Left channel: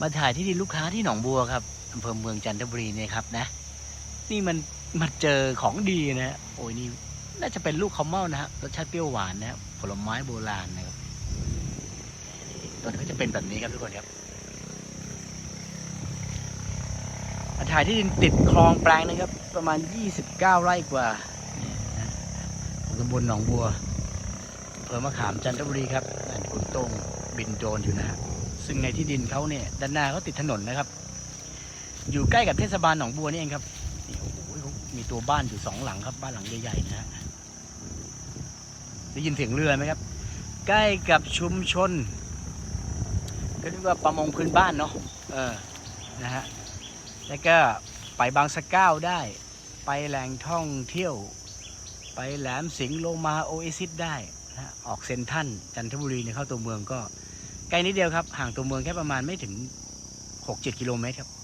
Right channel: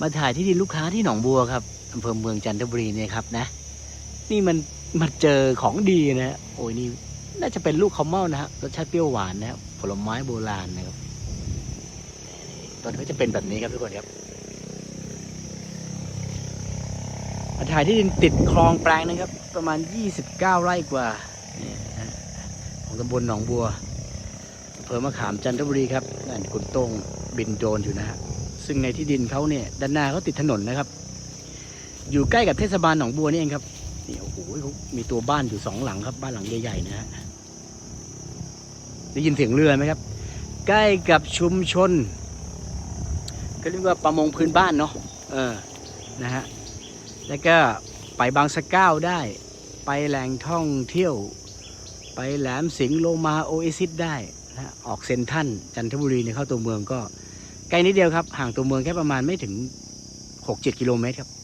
มาถ่ายที่ดินลูกค้าที่หนองบัวครับอำเภอเมืองจันทบุรีเนี่ยครับนะ นี่มันมาเจอของดีนะฮะโอ้ยนี่น่าจะเป็นลูกข้าวเม่านะฮะรสชาติเปรี้ยวหวานนะครับผลไม้โบราณนะครับตอนนี้จะเป็นแบบนี้ครับทุกคนครับมาถ่ายที่ดินติดคลองแปลงนะครับ ประมาณ 29 ไร่กว่านี่นะฮะของตำบลหนองบัวอำเภอมะขามจันทบุรีครับนั่นคุณโต้งบินโดรนอยู่นะฮะ ซึ่งในที่ดินเขาเนี่ยด้านหน้าเขาติดถนนนะครับ อยู่ใกล้กับเทศบาลหนองบัวนี่เองครับนี่โอ้โหมีตัวบ้านอยู่สองหลังครับ บ้านหลังใหญ่ๆนะฮะได้ยินเสียงเรือไหมครับ ใกล้กับชุมชน ก็เรียกว่าประมงพื้นบ้านเนาะเออนะฮะแล้วก็ไปบางสะเก้าได้ ไปแหล่งท่องเที่ยว ไปแหลมสิงห์โลมาโอเอซิสได้นะออกเซนทันจันทบุรีเนี่ยเข้าตัวเมืองก็ ไกลนิดเดียวครับ ห่างตัวเมืองแค่ประมาณไม่ถึงหกเจ็ดกิโลเมตรครับ